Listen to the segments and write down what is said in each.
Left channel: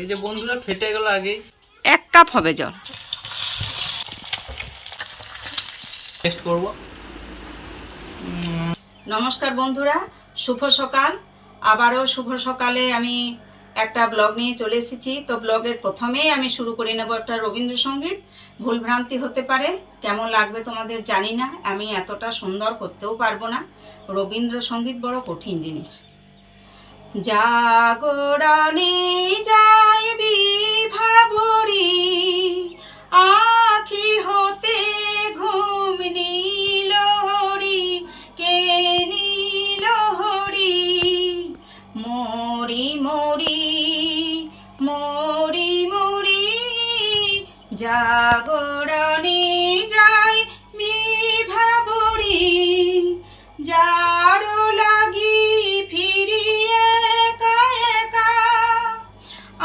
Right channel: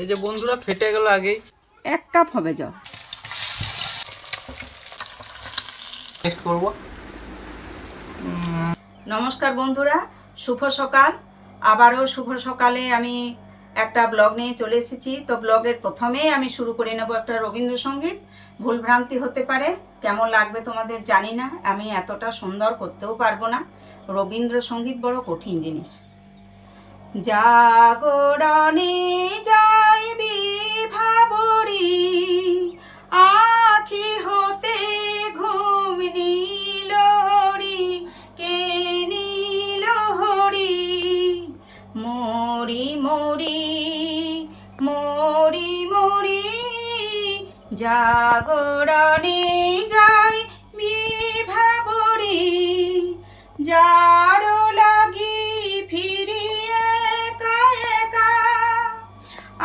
এই যে বন্ধুরা ফেটে গেল আগেই। 1 কাপ হবে জল। টেস্ট করব। নমস্কার বন্ধুরা, শুভ সকাল। আবারও শুভ সকালে আমি একটা ব্লগ নিয়ে চলে এসেছি। তো ব্লগের প্রথমেই আমি শুরু করে নেব একটা রবীন্দ্রসঙ্গীত। ভুলভ্রান্তি হতে পারে, কেমন লাগবে তোমাদের জানি না, আমি এতটা সুন্দর করতেও পারবো না। রবীন্দ্রসঙ্গীত বড় কঠিন জিনিস। জাগরণে যাইবি ভাবরি, আখি হতে ঘুম নীল হরি, কে নীল হরি, মরি মরি মরি মরি, জাগরণে যাই বিভাবরি, যারো লাগি ফিরি একা একা,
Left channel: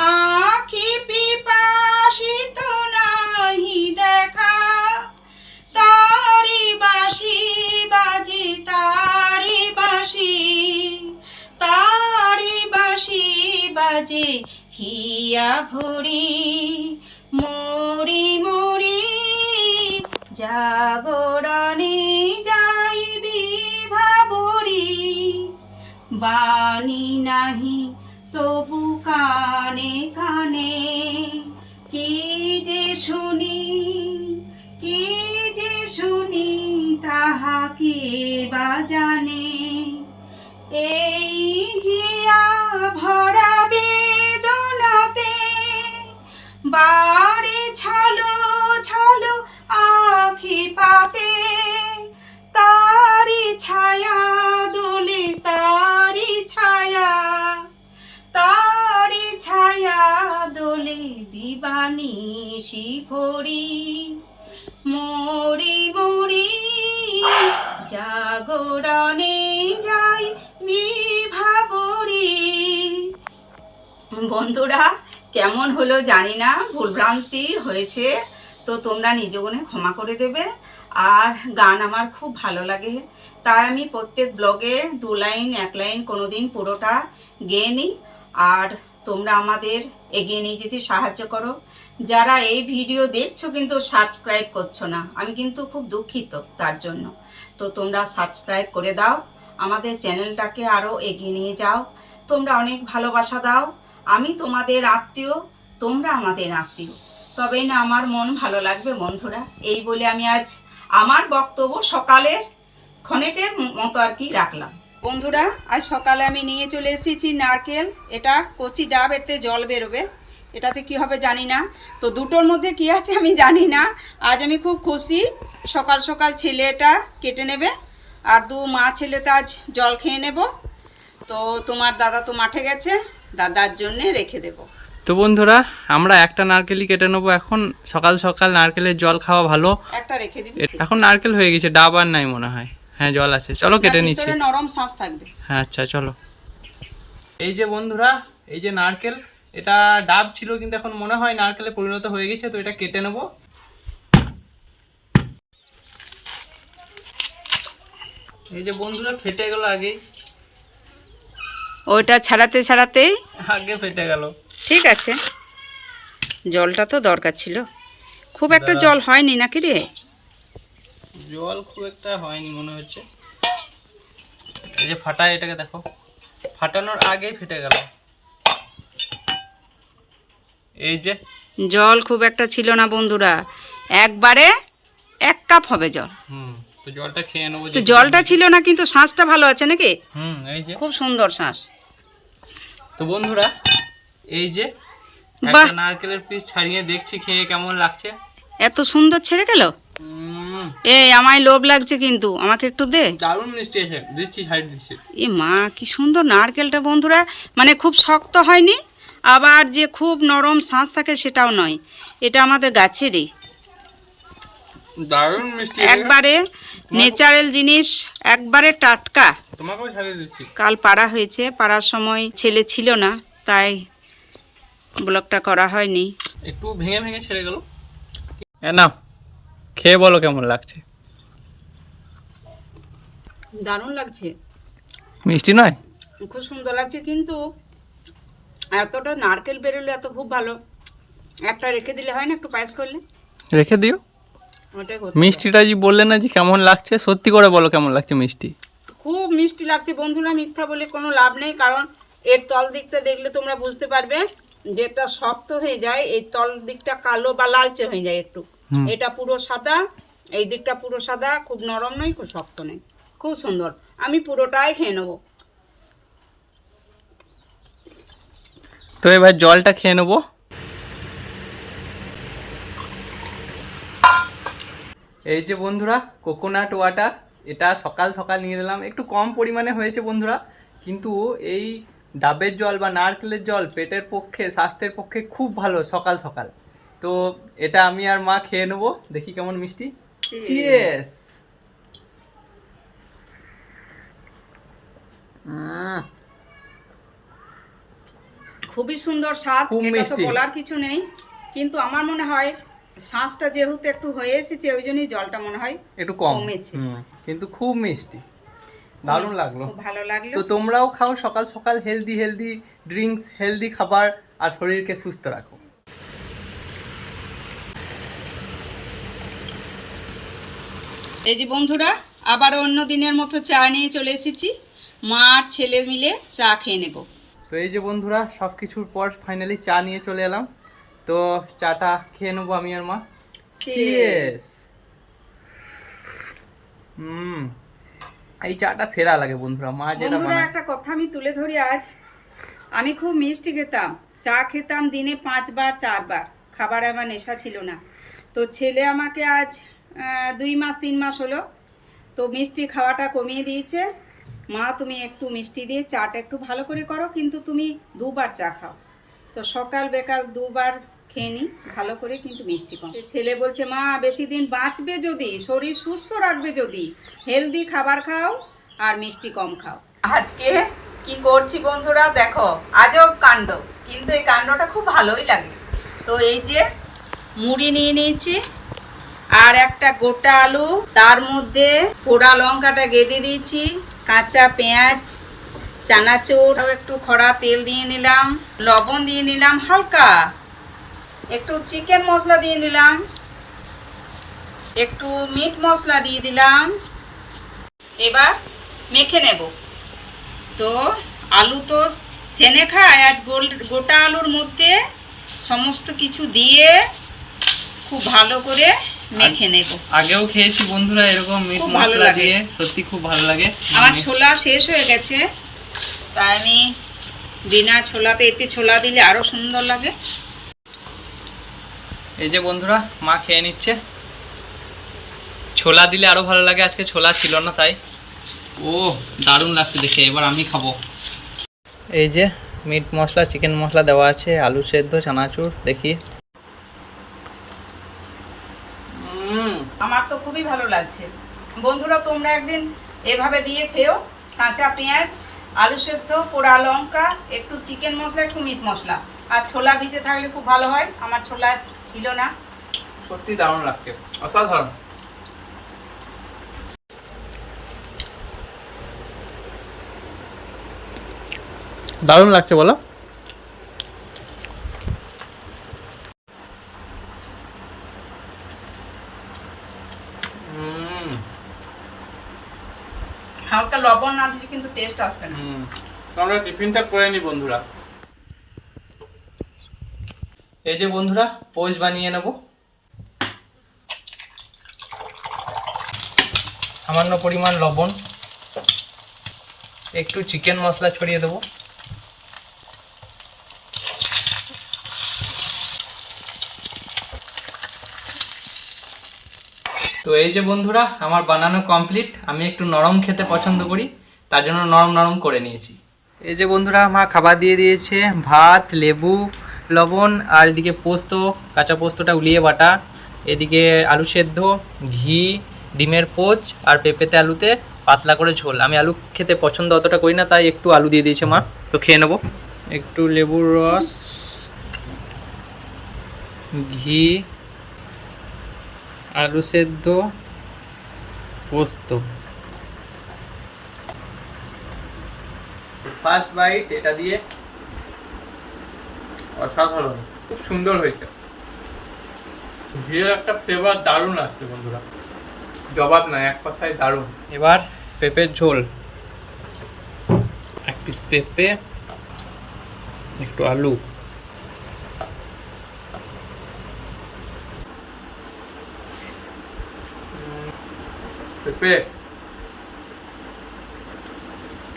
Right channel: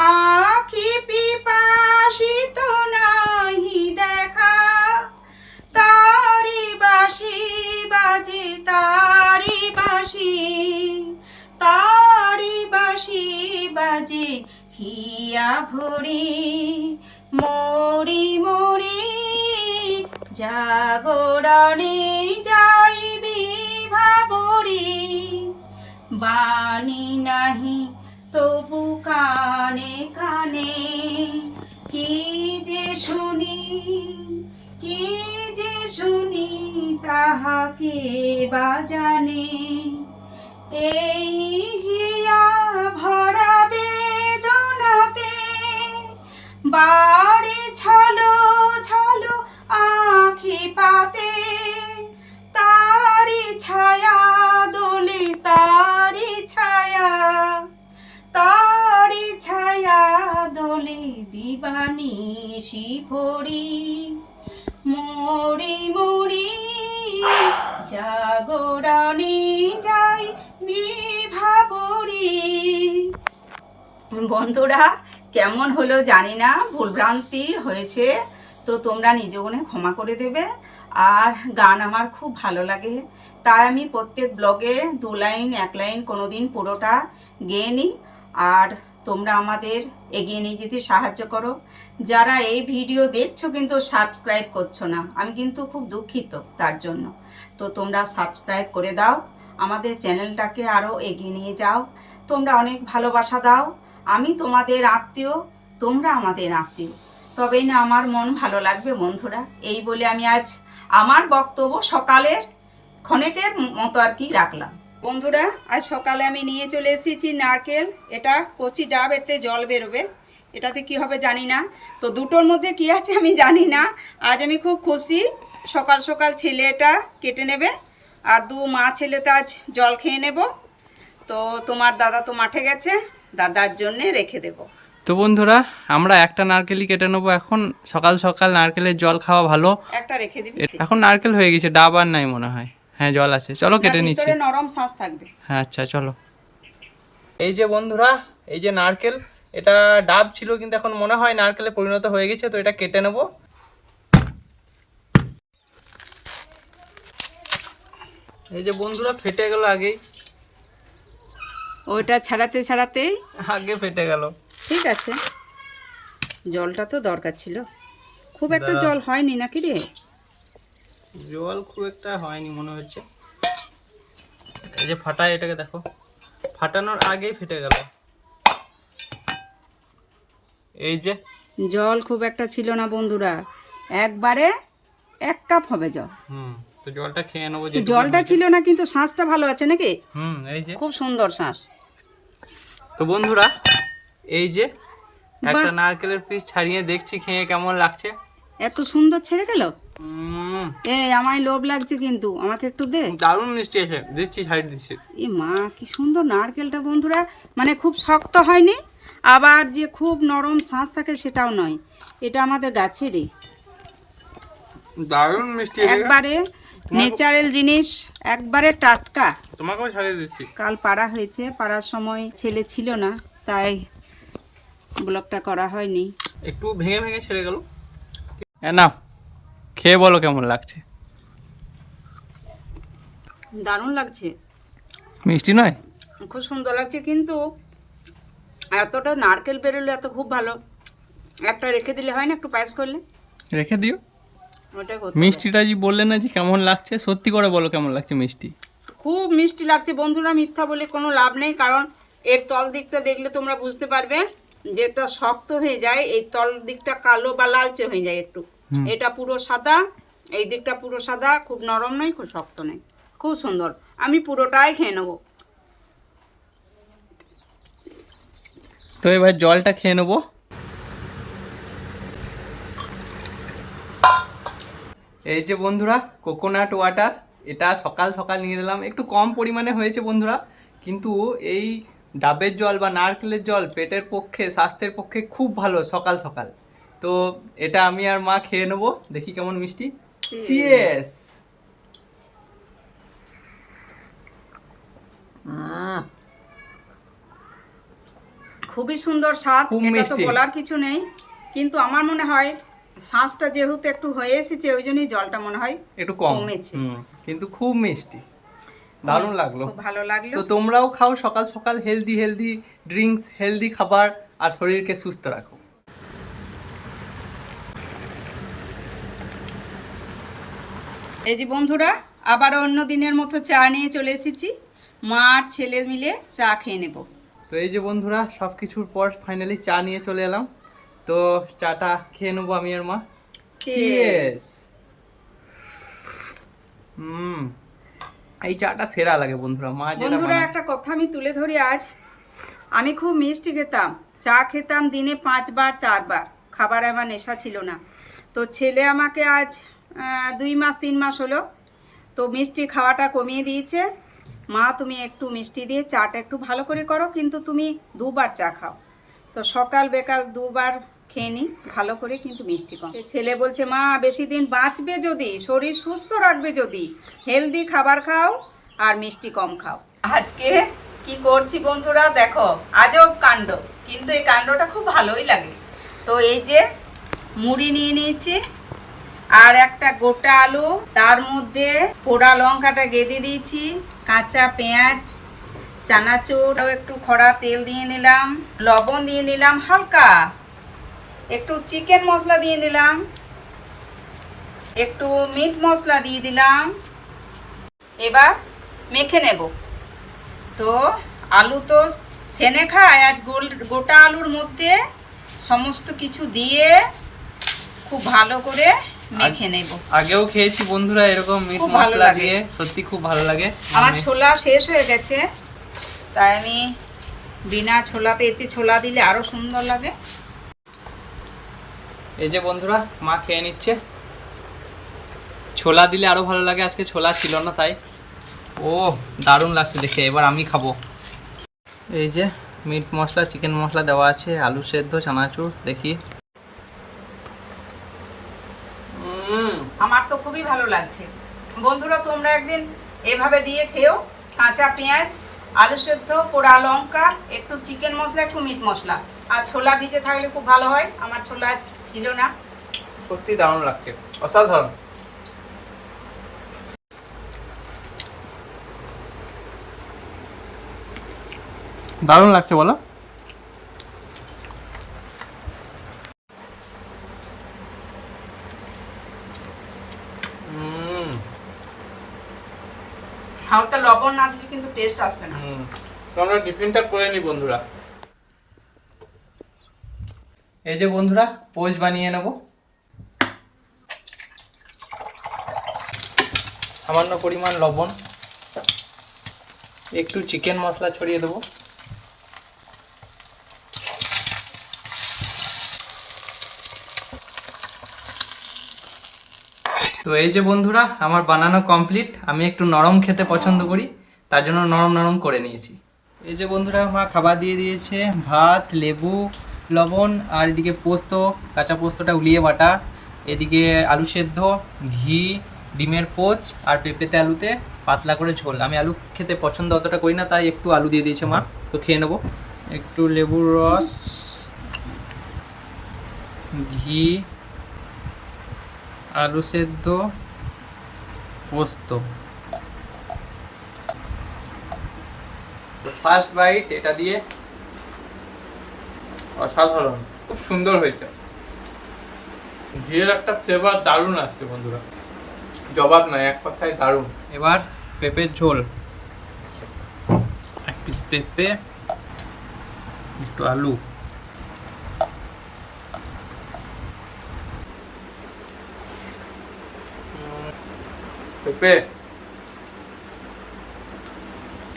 আখি পিপাসিত নাহি দেখা, তারি বাঁশি বাজে তারি বাঁশি, তারি বাঁশি বাজে হিয়া ভরি, মরি মরি, জাগরণে যাইবি ভাবরি, বাণী নাহি তবু কানে কানে, কি যে শুনি কি যে শুনি, তাহাকে বা জানে, এই হিয়া ভরা বেদনাতে, বাড়ি ছলো ছলো আখি পাতে, তারি ছায়া দোলে তারি ছায়া, তারি ছায়া দোলে দিবানিশি ভরি, মরি মরি, জাগরণে যাই বিভাবরি। বন্ধুরা কেমন হলো জানি না, ভুলভ্রান্তি হয়েছে তো তোমরা নিজ গুণে ক্ষমা করে দেবে। আর গান আমার খুব ভালো লাগে, তাই আমি প্রত্যেক ব্লগে 2 লাইন 1 লাইন কোনোদিন পুরোটা গেয়ে নিই। আর তোমরা আমাদের এগিয়ে নিয়ে যেতে সাহায্য করো। যারা এই ভিডিও দেখছো কিন্তু সাবস্ক্রাইব করছো না, আমি কিন্তু খুব দুঃখিত তার জন্য। তো তোমরা সাবস্ক্রাইব করে দাও, আমাদের চ্যানেলটাকে আরও এগিয়ে নিয়ে যাও। তোমরা অনেক ভালোবাসা দাও, আমি তোমাদের আত্মীয়, তোমরা আমাদের আত্মীয়, তবেই না আমার মন ভালো লাগবে বন্ধুরা। এই বলে আমি আজ আমার বক্তব্য সকালের ক্ষণেকের মতো আর কি রাখলাম। বন্ধুরা আজ সকালে আমি নিয়ে চলে এসেছি নারকেল, এটা কচি ডাব, এতে জল বেরোবে, এটাতে কি হবে জানি না। তো দুটোর মধ্যে কি আছে আমি জানি না। আজ আমি খুব খুশি, সকাল সকাল ছেলে এটা কেটে নেবে, আর 2 মা ছেলেতে আজ জল খেয়ে নেব। তো তোমার দাদা তো মাঠে গেছে, দাদার জন্যে রেখে দেব। তো বন্ধুরা আমরা একটা নারকেলই কেটে নেবো এখন। সকাল সকাল নারকেলের জল খাওয়া ভালো। একটা রেখে দিবি। এখন নারকেল হয়ে গেছে, ডাব আর নাই মনে হয়। হ্যাঁ জল আছে, চলো কেটে নিচ্ছি। ভিতরে নরম শাঁস থাকবে। হ্যাঁ আচ্ছা চলো। এই যে বন্ধুরা, এই যে নারকেল, এটা ডাব ছিল কিন্তু এখন মনে হয় নারকেলে পরিণত হয়ে গেছে, তো এটা কেটে নেব। এই যে বন্ধুরা ফেটে গেল আগেই, ওইটা ছাড়াতে ছাড়াতেই আগে ফেটে গেল। ঠিক আছে, জলটা তো দরকার ছিল, খুব একটা জল হয়নি নাকি রে? জল খুব একটা হয়নি মনে হচ্ছে। এই যে ফাটায়, এটাকে দেখো, ফাটানোর আগেই ফেটে গেল। এই যে জল খুব একটা ছিল না বন্ধুরা, একবারে 1 কাপ হবে জল। তো জলটা খেয়ে নেবো। তো জলটা ছিল না কিন্তু শাঁসটা ভালো আছে নাকি? এই যে খুব সুন্দর শাঁস। তো বন্ধুরা এই যে একটা নারকেলের পিস ছাড়িয়ে দেখছি খেয়ে কেমন লাগছে। এত সুন্দর ছেড়ে গেল। এই আমায় লোভ লাগছে কিন্তু, আমাকে একটু দে। দারুণ মিষ্টি আছে, দিচ্ছি, ছাড়িয়ে দিচ্ছি। এ মা কি সুন্দর নারকেলটা বন্ধুরা, মানে খুব শক্ত হয়নি, আবার যে খুব নরম শাঁস থাকে সেটাও নয়, এটা আমাদের গাছেরই, দারুণ মিষ্টি, একবারে ন্যাচারাল জিনিস, একবারে টাটকা। তোমাকেও ছাড়িয়ে দিচ্ছি। কাল পাড়া হয়েছে, পাড়ার সময় ছেলে ছিল না, তাই ব্লগটা করা হয়নি। একটু ভেঙে ভেঙে ছেড়ে গেল। না খেয়ে বলো কেমন লাগছে। দারুণ লাগছে, মিষ্টি নয়? খুব সুন্দর লাগছে, কিন্তু এতটা নারকেল বেরোলে এত খুব ভালো, একটা রেখে দিলে হয় না, একটু পায়েস করলে। রেখে দিও। ওটাই করতে হবে। মিষ্টিটা যে বললে না যে কেমন লাগছে, সত্যি করে বলো কেমন লাগছে মিষ্টি। খুব মিষ্টি লাগছে বন্ধুরা, মিথ্যা বলে কোনো লাভ নেই, কারণ এর তল দিকটা দেখলে তোমরা বুঝতে পারবে, যেটা শক্ত হয়ে যায় এই তল দিকটা কালো বা লালচে হয়ে যায় একটু। এটা পুরো সাদা, এই দিকটা পুরো সাদা, খুব নরম নয়, খুব শক্ত নেই, খুব সুন্দর। আমি পুরোটাই খেয়ে নেবো। তো এবার জলটা খেয়ে নেবো। এই যে বন্ধুরা কোকোনাট ওয়াটার, এটা সকাল সকাল নিয়ে নিলাম, একটু কম পরিমাণে হয়েছে বন্ধুরা, কিন্তু এই ডাবের জল বা নারকেলের জল পেটের পক্ষে, স্বাস্থ্যের পক্ষে খুব ভালো সকাল সকাল। তো এটা আমি আর মা খেয়ে নেবো, দেখি কেমন মিষ্টি। চিয়ার্স। খুবই সুন্দর স্বাদ, খুব এটা তো মিষ্টি। বলার কিছু নেই, কিন্তু আমার মনে হয় শ্বাসটা যেহেতু একটু হয়ে এসেছে, ওই জন্যই জলটা মনে হয় একটু কম, কমেছে। কিন্তু খুব মিষ্টি, দারুণ লাগলো। খুব ভালো লাগলো। তো তোমরাও খাও সকাল সকাল হেলদি হেলদি ড্রিঙ্কস, হেলদি খাবার, আর শরীরকে সুস্থ রাখো। এই যে বন্ধুরা, আবার অন্য দিনের মতো চা নিয়ে চলে এসেছি, মা আর ছেলে মিলে চা খেয়ে নেব। তো এই যে বন্ধুরা সব কিছুর পর ফাইনালি চা নিয়ে চলে এলাম, তো চাটা খেয়ে নেবো আমি আর মা। চিয়ার্স। এই চাটা সেরা লাগে বন্ধুরা, মা যেটা বন্ধুরা বানায়। একটা কথা আমি তুলে ধরি আজ, আমি খুব মিষ্টি খেতাম, চা খেতাম দিনে 5 বার 4 বার, খাবার আমার নেশা ছিল না। তো ছেলে আমাকে আজ 2 মাস 3 মাস হলো, তো মিষ্টি খাওয়াটা কমিয়ে দিয়েছে। মা তুমি একটু মিষ্টি দিয়ে চাটা একটু ভালো করে করো, কিন্তু তুমি 2 বার চা খাও। তো সকাল বিকাল 2 বার খেয়ে নিই ভালো করে, কিন্তু মিষ্টি কম। ছেলে বলছে মা বেশি দিন বাঁচবে যদি, শরীর সুস্থ রাখবে যদি, হেলদি খাবার খাও আর মিষ্টি কম খাও। আজকে কি করছি বন্ধুরা দেখো, আজব কাণ্ড, কিন্তু এই কাণ্ডটা খুব ভালোই লাগে। তো এই যে মুড়ি নিয়ে নিয়েছি, আর একটা গোটা আলু, তার মধ্যে পোড়া লঙ্কাটা গেঁথে দিয়েছি, কাঁচা পেঁয়াজ, চানাচুর, একটু খড়া তেল দিয়ে নিলাম, লবণ দিয়ে নিলাম হালকা, একটু চিকেন মশলা দিয়ে নিলাম, একটু মিট মশলা দিয়ে দিলাম। এবার মেখে নেব। তো আলু তো সেনে খায়, আজ গোটা আলুর মধ্যে সমস্ত কিছু দিয়ে খুব ভালো করে মেখে নেব। আগেও খেয়েছি বন্ধুরা এরকম মিট খুব ভালো মশলা লাগে। দিয়ে, সত্যি খুব ভালো লাগে। আমার ছোলা শেষ হয়ে গেছে, তাই আমি বিনা ছোলাতে, এতে ছোলা দিলে আরো সুন্দর লাগে। এই যে বন্ধুরা মা খেয়ে নিচ্ছে, ছোলা দিলে আরো ভালো লাগে, আজকে ছোলা ছিল না তাই। ও দারুণ লাগছে দেখে, এবার আমি খাবো। এই যে মিট মশলা, চিকেন মশলা দেওয়া আছে, আলু সেদ্ধ, চানাচুর, দেখি। আমার তো খুবই ভালো লাগছে বন্ধুরা, তোমরা একদিন এভাবে দিয়ে খেও। কাঁচা পেঁয়াজ, আলু সেদ্ধ, পোড়া লঙ্কা, একটু চিকেন মশলা, একটু মিট মশলা, আর ছোলা ভিজে থাকলে খুব ভালো হয়, আমার ছোলা ছিল না। সত্যি দারুণ লাগছে, অসাধারণ। দারুণ লাগছে বলো। হালকা লবণ না দিলে কিন্তু টেস্ট আসবে না। আমরা টিফিনটা করে নিই বন্ধুরা। এই যে বন্ধুরা পোচ বানিয়ে নেব, সামান্য পরিমাণ লবণ, একটু চিকেন মশলা ছড়িয়ে দেবো, তো এই যে বন্ধুরা আমার বানানো কমপ্লিট। আমি একটু নরম খেতে পছন্দ করি, তার জন্য নরম নরম করে নিয়েছি। এই যে বন্ধুরা আমার খাবার দিয়ে দিয়েছে, ভাত, লেবু, লবণ, আর এদিকে পোস্ত, কাঁচা পোস্তটা উলিয়ে বাটা, এদিকে আলু সেদ্ধ, ঘি, ডিমের পোচ, আর পেঁপেতে আলুতে পাতলা করে ঝোল। আমি আলু খেতে পছন্দ অতটা করি না, তাই একটু আলু দিয়ে দিয়েছে মা, তো খেয়ে নেবো। একটু লেবুর রস, ঘি, আলু সেদ্ধ, পোস্ত। ফার্স্ট বাইট এটা দিয়ে অসাধারণ, খুব সুন্দর হয়েছে। ঘিয়ের একটা ফ্লেভার দারুণ আসছে বন্ধুরা, জবাব নয়, এক কথায় দারুণ। এবার পেঁপের ঝোল, এক পিস পেঁপে, একটু আলু, পেঁপে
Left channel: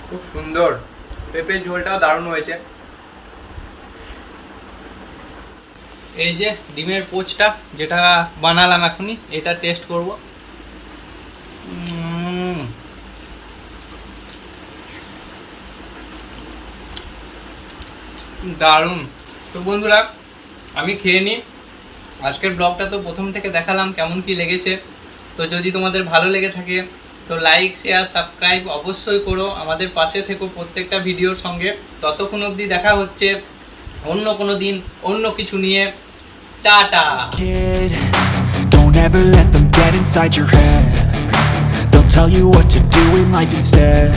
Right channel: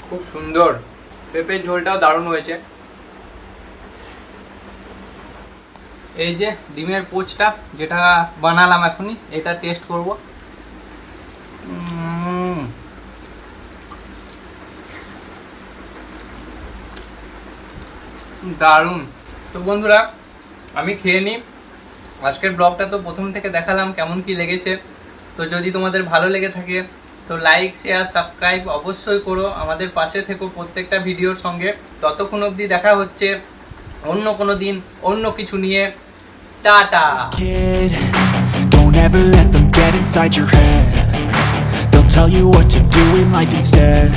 খুব সুন্দর, পেঁপের ঝোলটাও দারুণ হয়েছে। এই যে ডিমের পোচটা যেটা বানালাম এখনই, এটা টেস্ট করব। দারুণ। তো বন্ধুরা আমি খেয়ে নিই। আজকের ব্লগটা তো প্রথম থেকে দেখালাম কেমন কি লেগেছে। তো যদি তোমাদের ভালো লেগে থাকে তো লাইক, শেয়ার, সাবস্ক্রাইব অবশ্যই করো, আমাদের পাশে থেকো প্রত্যেকটা ভিডিওর সঙ্গে। ততক্ষণ অবধি দেখা হচ্ছে অন্য কোনো দিন অন্য কিছু নিয়ে। Tata. Kid, don't ever let them get inside your head. They'll tell you what to do in life instead.